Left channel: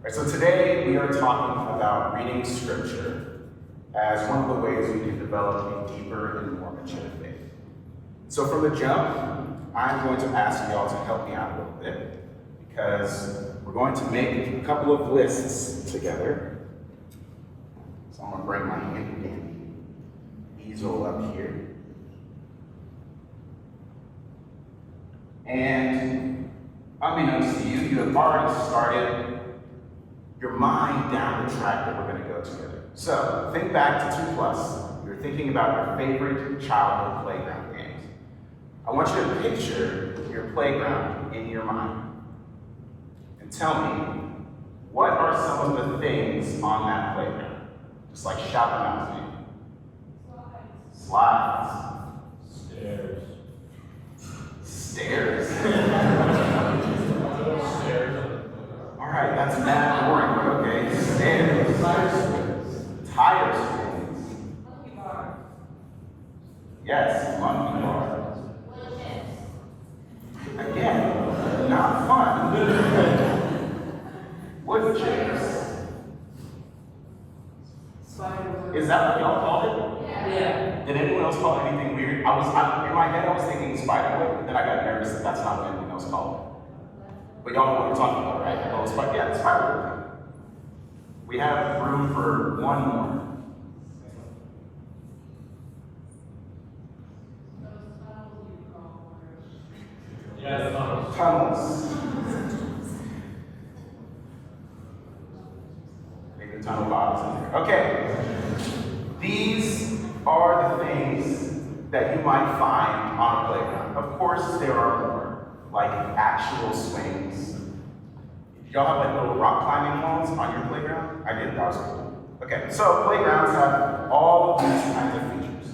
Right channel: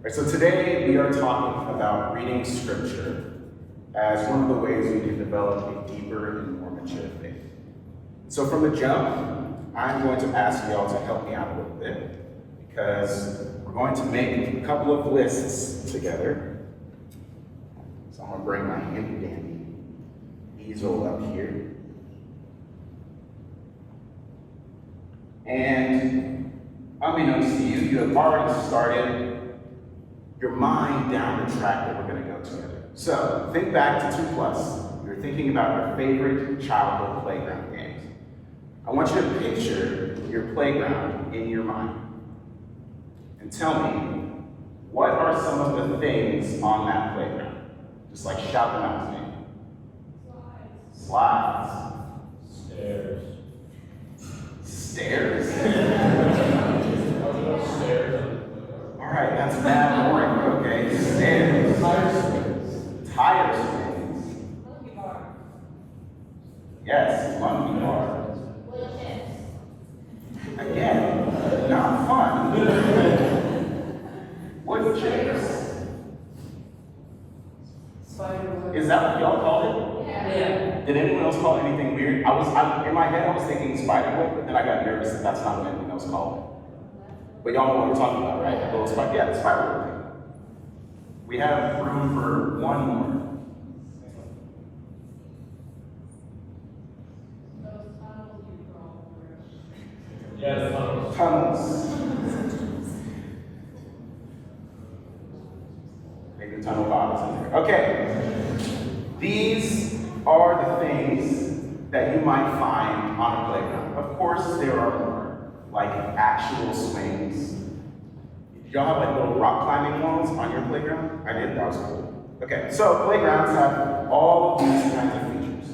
Right, so today we are talking about reading scripture as one of the ways we can develop a deeper and more mature faith. So from the jump, I'm going to ask you all to help me out a little bit because we're going to make a couple of lists together. So I'm going to bring my handy dandy easel up here. And unbeknownst to you, you have already started your mind down the track that we're going to go together. So think back to 2+. You're thinking about your favorite childhood playground games. I want you to picture your playground in your mind. And tell me, what are some of the things on that playground? Just like shout them out to me. Slides. Stairs. Stairs? Stairs. All right, that's mad boring. Okay, stairs. Tire swings. Yes, monkey bars. Again, not fun. Wood chips. Is that what y'all called it? Yeah. Did anyone else call it anything weird? In my head, I was thinking spider web, but then I got nervous that that's not what anyone else called it. But y'all know what we're talking about, right? The spider web. We have room for one more. Yeah, tunnels. Tunnels. Maybe tunnel bottles in there. Okay. These are the things that you might find on a playground. Of course, there are more, like actual swings. Did y'all have like little rock climbing walls on your playground? I did, that was cool. Okay, so playgrounds have all of these kinds of features.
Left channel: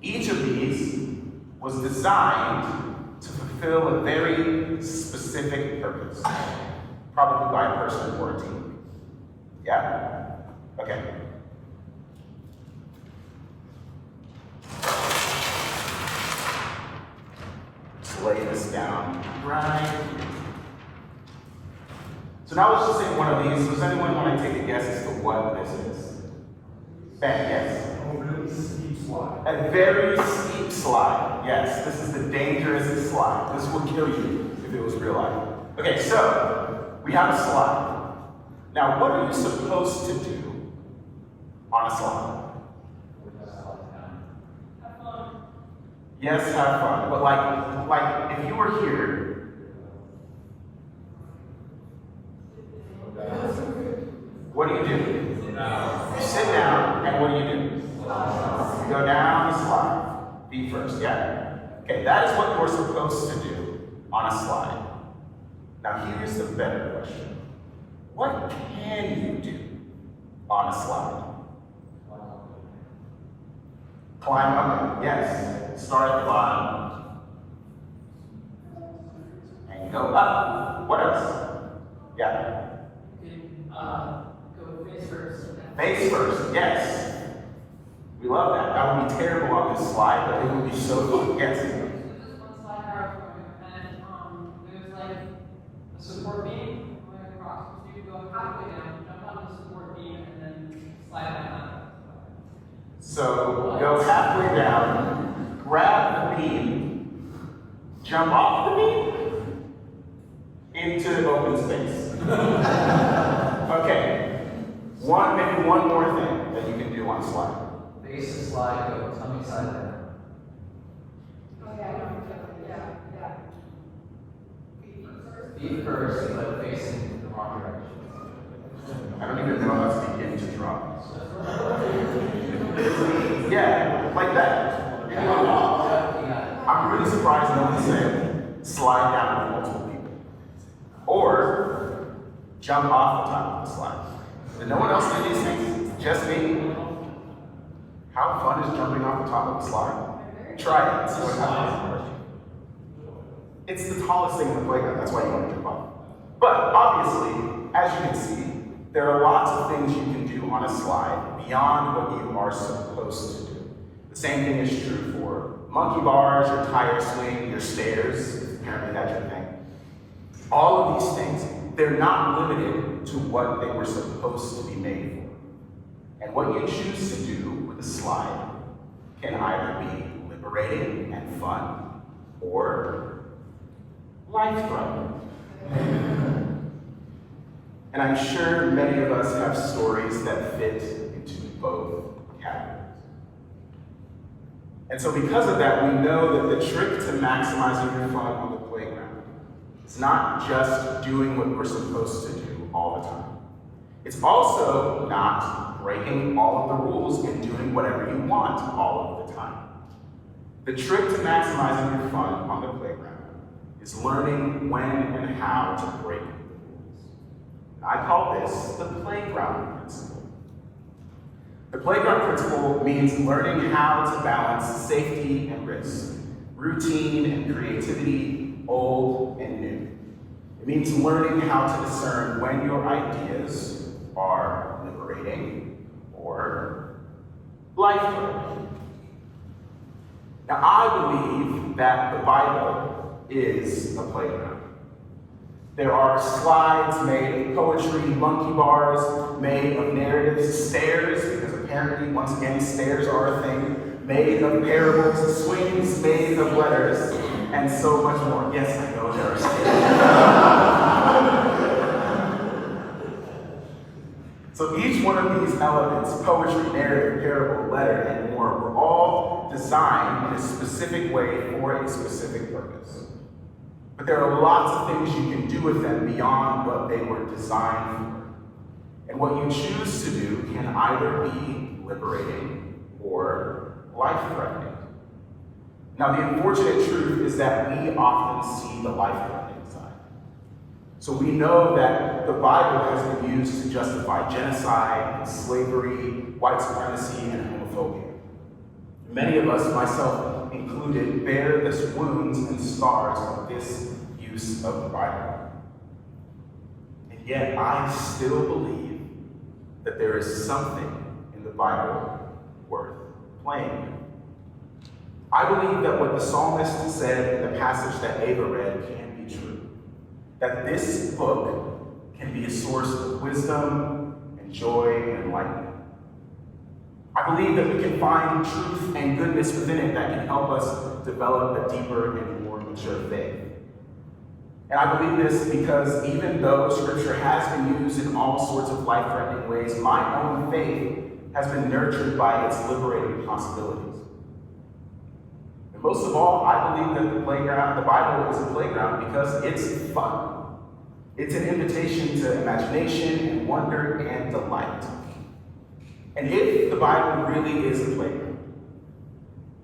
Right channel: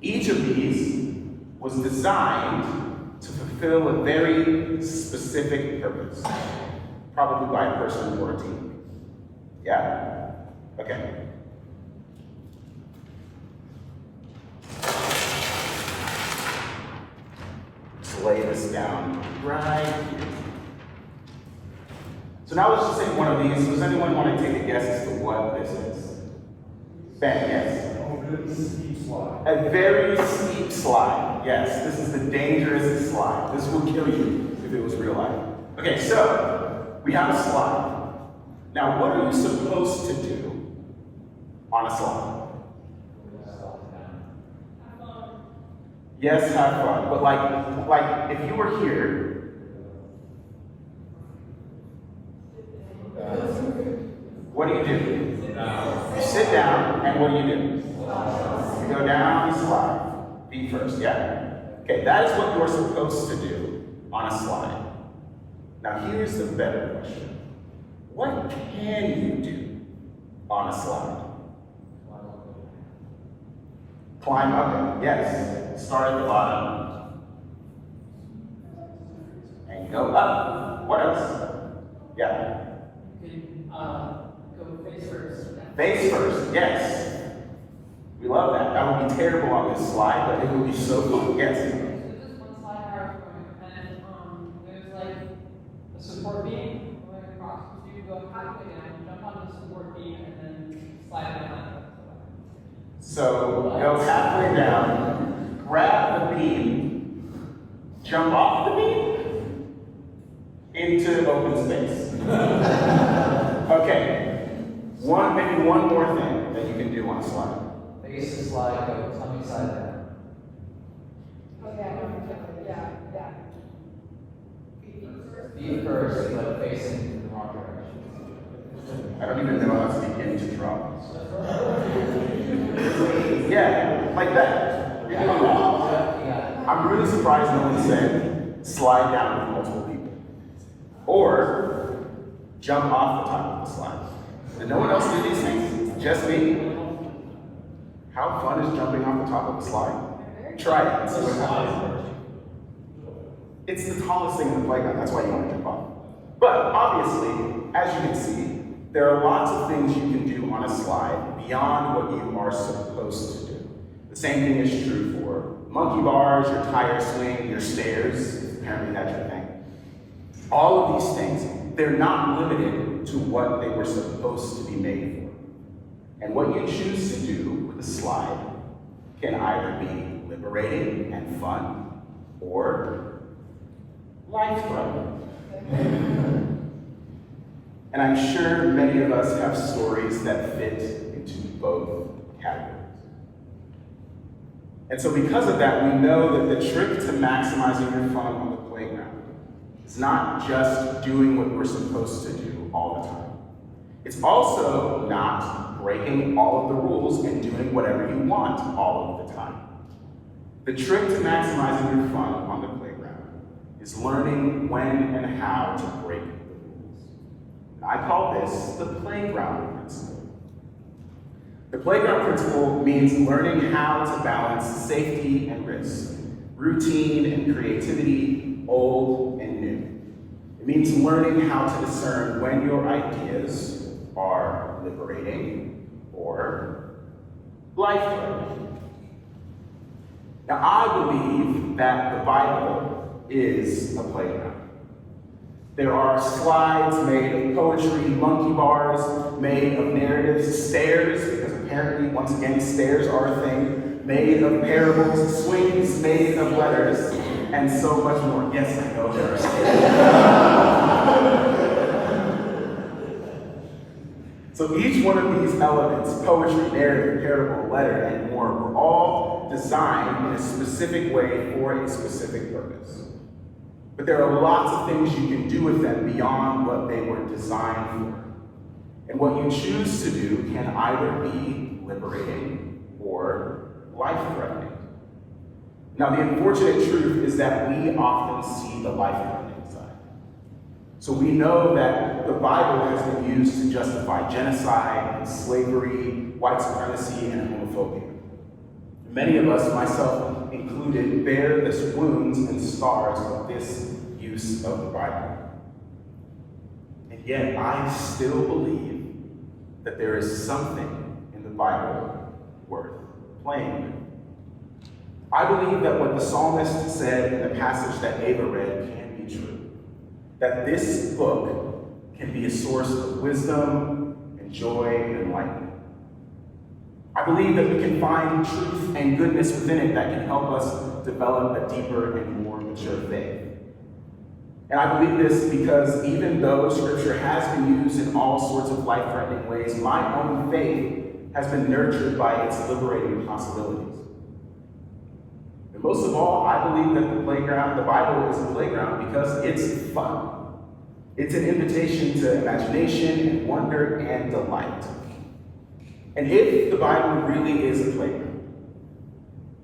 Each of these was designed to fulfill a very specific purpose, probably by a person or a team. Yeah? Okay. Let's lay this down right here. So now let's just take one of these. Does anyone want to take a guess as to what this is? Ben, yes. A really steep slide. A very steep slide. Yes, this is the dangerous slide. This would kill you if it was real life. Okay, so we have a slide. Now, what are you supposed to do on a slide? Yes, have fun. But like if you were here, what do? You sit down, and what do? You go down the slide. Feet first, yeah? Okay, that is what you're supposed to do on a slide. Now here's the better question. What can you do on a slide? Climb up it, yes. Start at the bottom. And go up. What else? Yeah. Go face first. Face first, yes. We love that. That would be terrible on this slide, but it would be so fun. Yes. So this one slide I was going, and there's like a support beam going across. So you go halfway down, jump on the support beam, and then slide down. So go halfway down, grab the beam, jump off the beam into open space. Okay. Maybe one more thing that you can do on a slide. Face the slide, go tummy side down. Yeah. Feet first, but facing the wrong direction. I don't even know how to begin to draw. Yeah, like that. You're doing that. Yeah. I'm really surprised no one said slide down with multiple people. Or jump off the top of the slide. Did no one else do these things? Just me? How fun is jumping off the top of a slide? Try it and see what happens. It's the tallest thing in the playground, that's why you want to jump off. But obviously, as you can see, there are lots of things you can do on a slide beyond what you are supposed to do. The same thing is true for monkey bars, your tire swing, your stairs, apparently that's your thing. All of these things they're not limited to what they were supposed to be made for. And what you choose to do with a slide can either be liberating and fun or life-threatening. And I'm sure many of us have stories that fit into both categories. And so because of that, we know that the trick to maximizing your fun on the playground is not just doing what we're supposed to do all the time. It's also not breaking all of the rules and doing whatever you want all of the time. The trick to maximizing your fun on the playground is learning when and how to break the rules. And I call this the playground principle. The playground principle means learning how to balance safety and risk, routine and creativity, old and new. It means learning how to discern when your ideas are liberating or life-threatening. Now, I believe that the Bible is a playground. There are slides made of poetry, monkey bars made of narratives, stairs, because apparently, once again, stairs are a thing, made of parables, swings made of letters, and so much more. Yes, I know there are stairs. So each one of these elements, poetry, narrative, parable, letter, and more, were all designed in a specific way for a specific purpose. But there are lots of things you can do with them beyond what they were designed for. And what you choose to do can either be liberating or life-threatening. Now, the unfortunate truth is that we often see the life-threatening side. So we know that the Bible has been used to justify genocide, and slavery, white supremacy, and homophobia. Many of us, myself included, bear the wounds and scars of this use of the Bible. And yet, I still believe that there is something in the Bible worth playing with. I believe that what the psalmist said in the passage that Ava read can be true. That this book can be a source of wisdom and joy and enlightenment. I believe that we can find truth and goodness within it that can help us develop a deeper and more mature faith. And I believe this because even though Scripture has been used in all sorts of life-threatening ways, my own faith has been nurtured by its liberating possibilities. And most of all, I believe that the Bible is a playground because it's fun. It's an invitation to imagination and wonder and delight. And if the Bible really is a playground,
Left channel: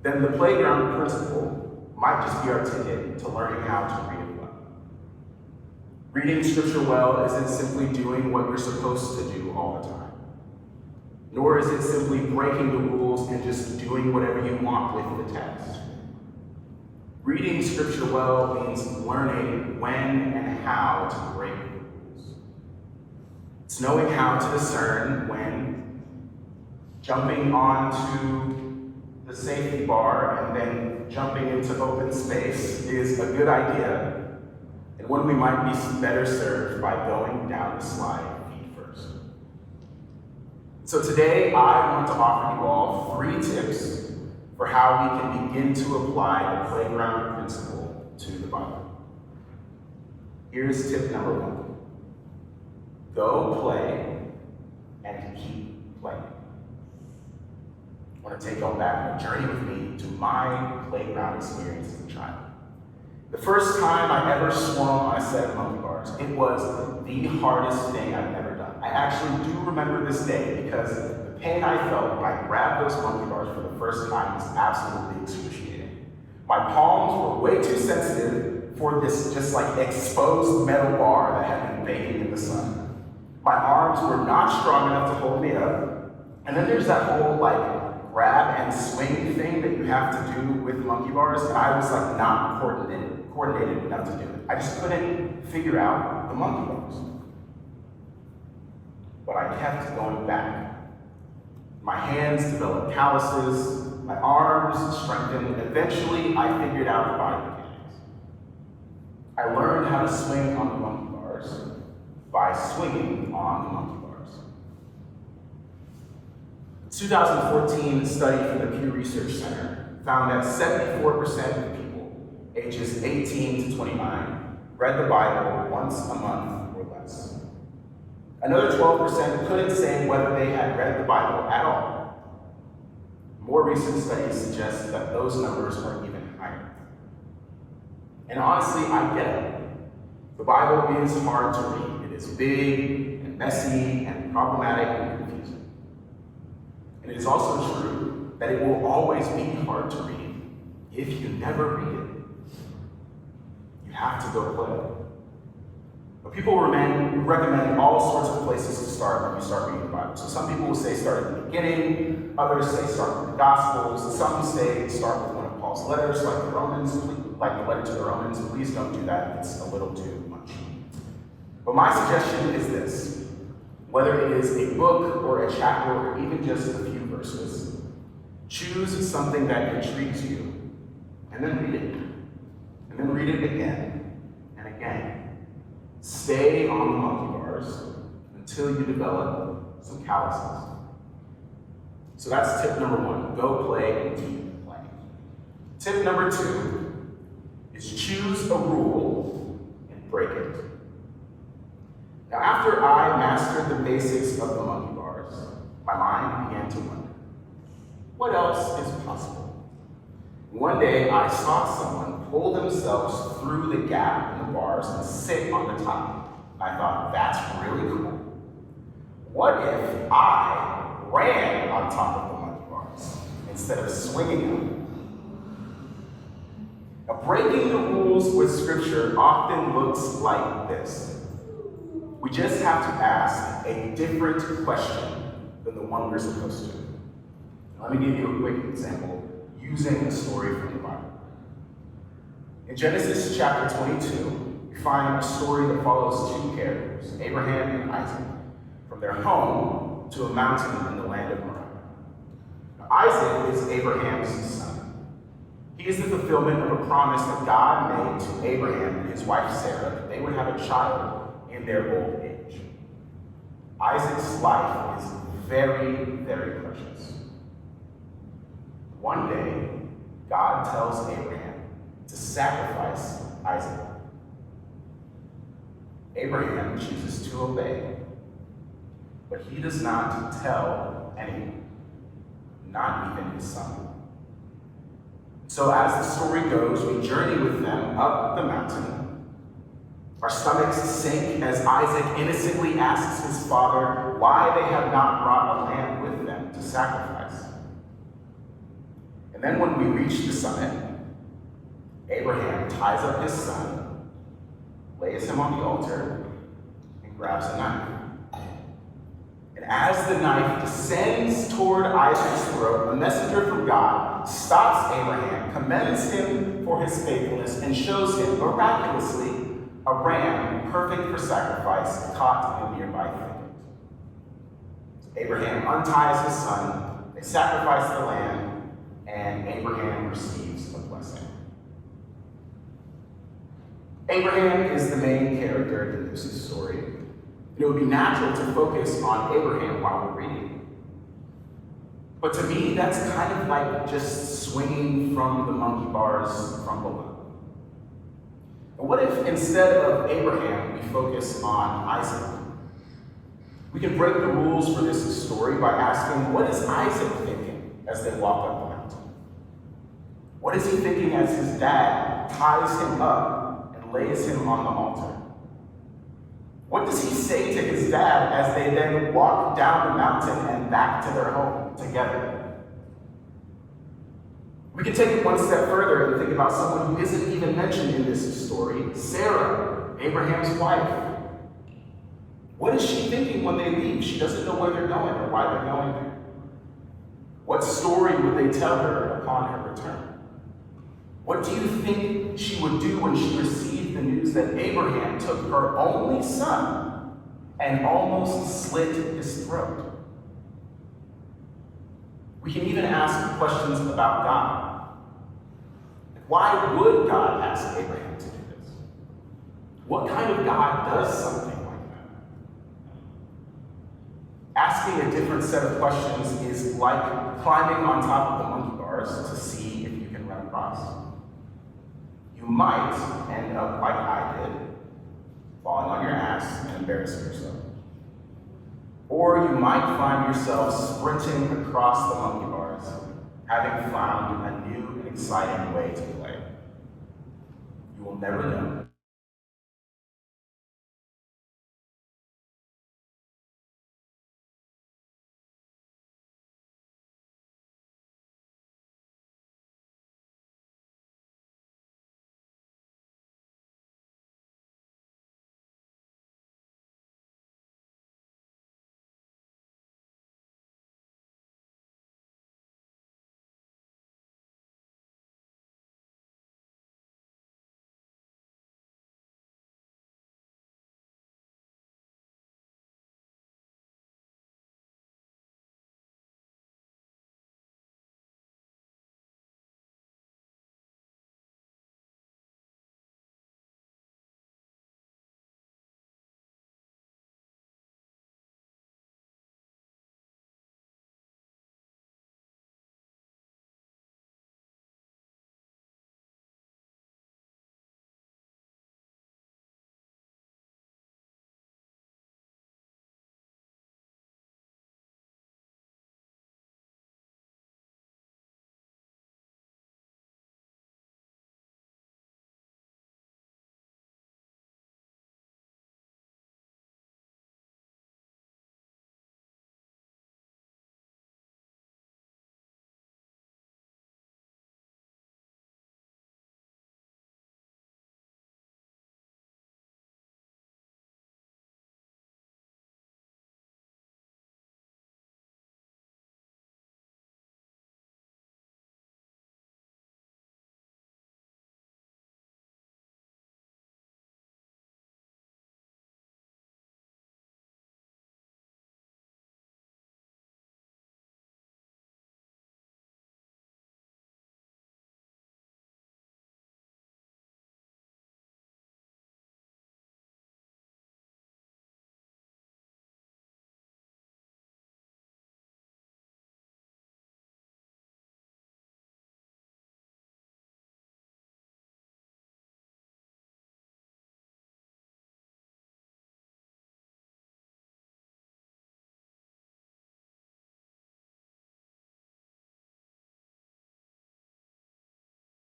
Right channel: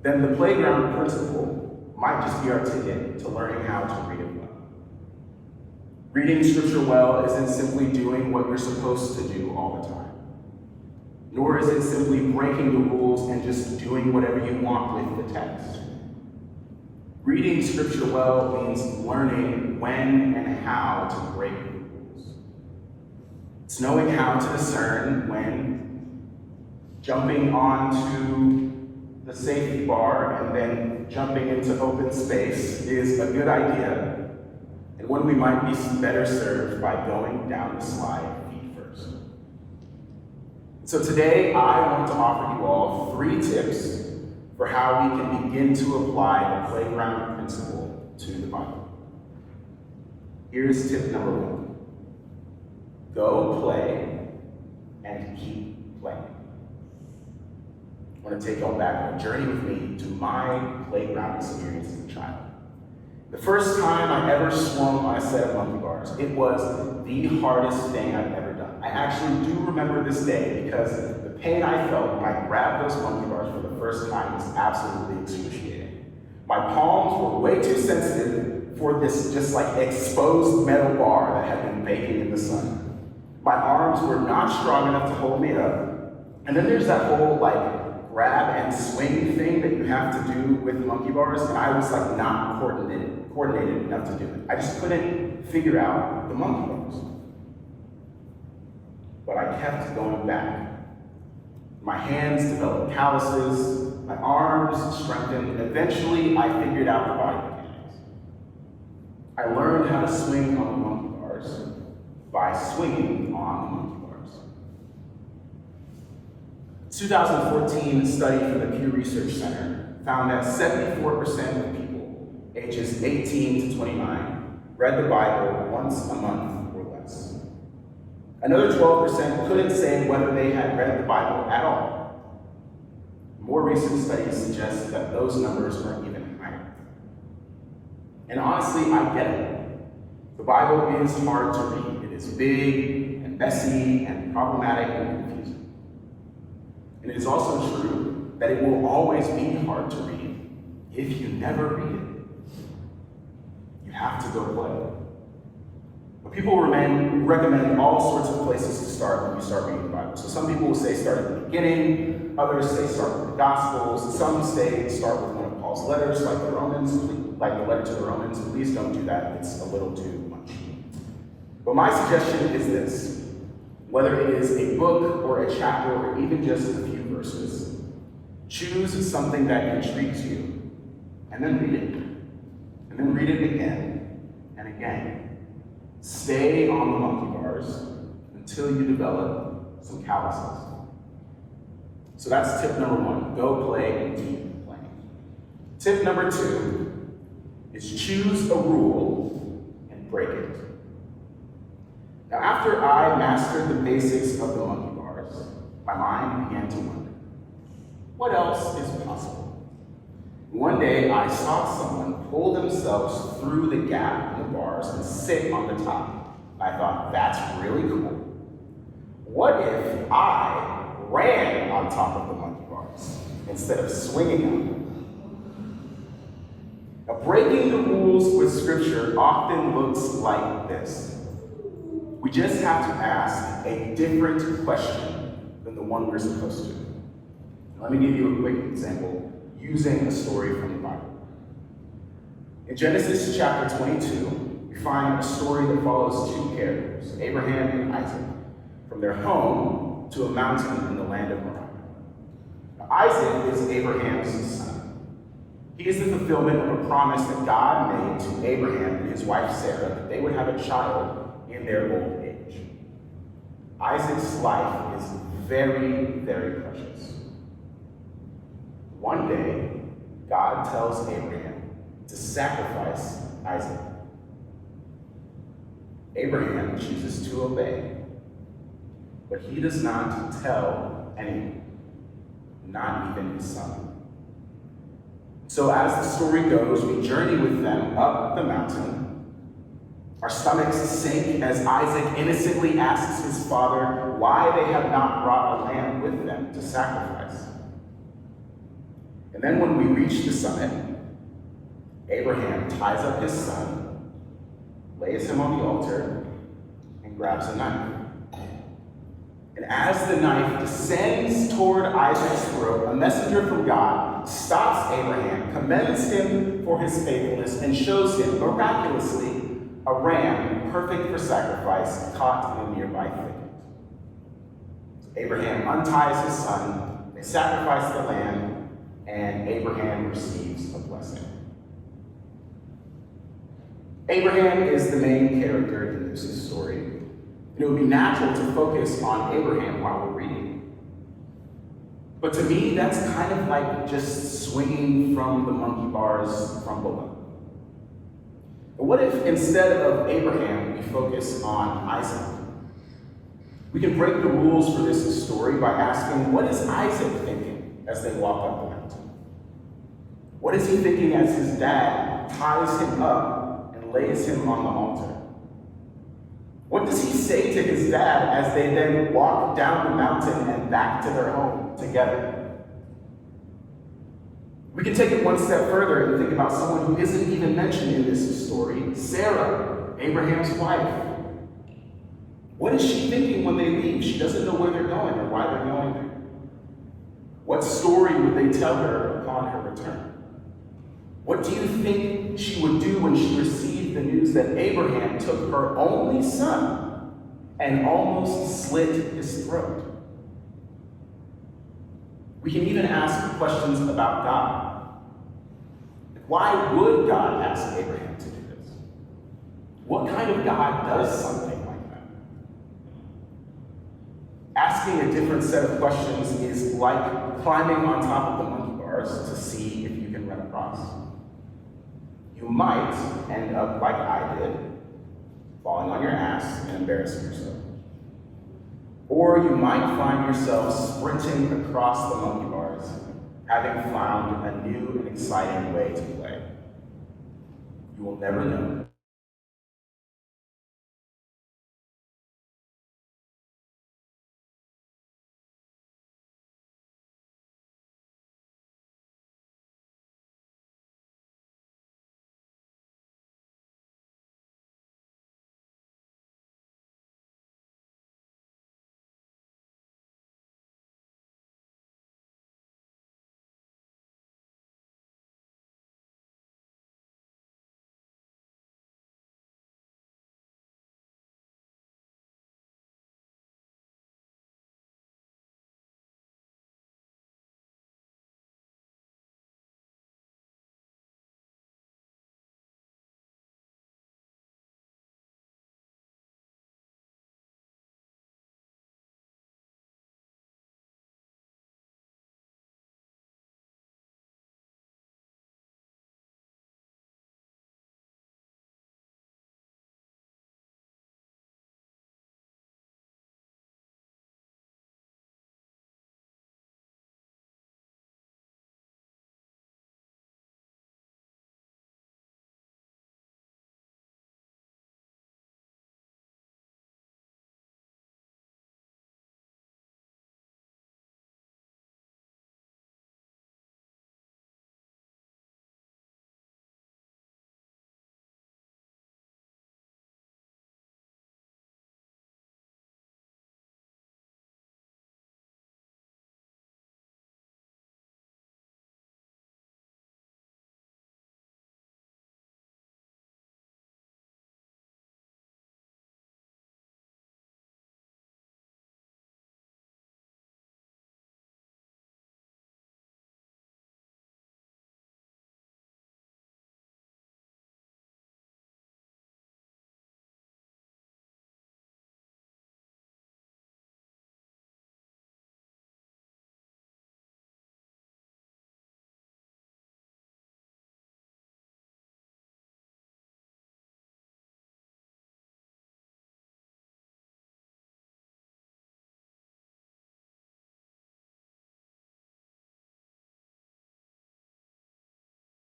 then the playground principle might just be our ticket to learning how to read it well. Reading Scripture well isn't simply doing what you're supposed to do all the time, nor is it simply breaking the rules and just doing whatever you want with the text. Reading Scripture well means learning when and how to break the rules. It's knowing how to discern when jumping onto the safety bar and then jumping into open space is a good idea, and when we might be better served by going down the slide feet first. So today, I want to offer you all 3 tips for how we can begin to apply the playground principle to the Bible. Here's tip number 1. Go play and keep playing. I want to take y'all back on a journey with me to my playground experience as a child. The first time I ever swung on a set of monkey bars, it was the hardest thing I've ever done. I actually do remember this day because the pain I felt when I grabbed those monkey bars for the first time was absolutely excruciating. My palms were way too sensitive for this just like exposed metal bar that had been baking in the sun. My arms were not strong enough to hold me up. And then there's that whole like grab and swing thing that you have to do with monkey bars, and I was like not coordinated enough to do it. I just couldn't figure out the monkey bars. But I kept going back. My hands developed calluses, my arms strengthened. Eventually, I figured out the body mechanics. I learned how to swing on the monkey bars, by swinging on the monkey bars. 2014 study from the Pew Research Center found that 74% of people ages 18 to 29 read the Bible once a month or less. Another 12% couldn't say whether they had read the Bible at all. More recent studies suggest that those numbers are even higher. And honestly, I get it. The Bible is hard to read. It is big and messy and problematic and confusing. And it is also true that it will always be hard to read if you never read it. You have to go play. But people recommend all sorts of places to start when you start reading the Bible. So some people will say start at the beginning, others say start with the Gospels, some say start with one of Paul's letters, like the letter to the Romans. Please don't do that, it's a little too much. But my suggestion is this: whether it is a book or a chapter or even just a few verses, choose something that intrigues you, and then read it. And then read it again and again. Stay on the monkey bars until you develop some calluses. So that's tip number 1, go play and keep playing. Tip number 2 is choose a rule and break it. Now, after I mastered the basics of the monkey bars, my mind began to wonder, what else is possible? One day, I saw someone pull themselves through the gap in the bars and sit on the top. I thought, that's really cool. What if I ran on top of the monkey bars instead of swinging on them? Now, breaking the rules with Scripture often looks like this. We just have to ask a different question than the one we're supposed to. Now, let me give you a quick example using a story from the Bible. In Genesis chapter 22, we find a story that follows 2 characters, Abraham and Isaac, from their home to a mountain in the land of Moriah. Now, Isaac is Abraham's son. He is the fulfillment of a promise that God made to Abraham and his wife Sarah that they would have a child in their old age. Isaac's life is very, very precious. One day, God tells Abraham to sacrifice Isaac. Abraham chooses to obey, but he does not tell anyone, not even his son. So as the story goes, we journey with them up the mountain. Our stomachs sink as Isaac innocently asks his father why they have not brought a lamb with them to sacrifice. And then when we reach the summit, Abraham ties up his son, lays him on the altar, and grabs a knife. And as the knife descends toward Isaac's throat, a messenger from God stops Abraham, commends him for his faithfulness, and shows him, miraculously, a ram perfect for sacrifice caught in a nearby thicket. So Abraham unties his son, they sacrifice the lamb, and Abraham receives a blessing. Abraham is the main character in this story, and it would be natural to focus on Abraham while we're reading. But to me, that's kind of like just swinging from the monkey bars from below. But what if instead of Abraham, we focus on Isaac? We can break the rules for this story by asking, what is Isaac thinking as they walk up the mountain? What is he thinking as his dad ties him up and lays him on the altar? What does he say to his dad as they then walk down the mountain and back to their home together? We can take it one step further and think about someone who isn't even mentioned in this story, Sarah, Abraham's wife. What is she thinking when they leave? She doesn't know where they're going or why they're going there. What story would they tell her upon her return? What do you think she would do when she received the news that Abraham took her only son and almost slit his throat? We can even ask questions about God. Why would God ask Abraham to do this? What kind of God does something like that? asking a different set of questions is like climbing on top of the monkey bars to see if you can run across. You might end up like I did, falling on your ass and embarrassing yourself. Or you might find yourself sprinting across the monkey bars, having found a new and exciting way to play. You will never know.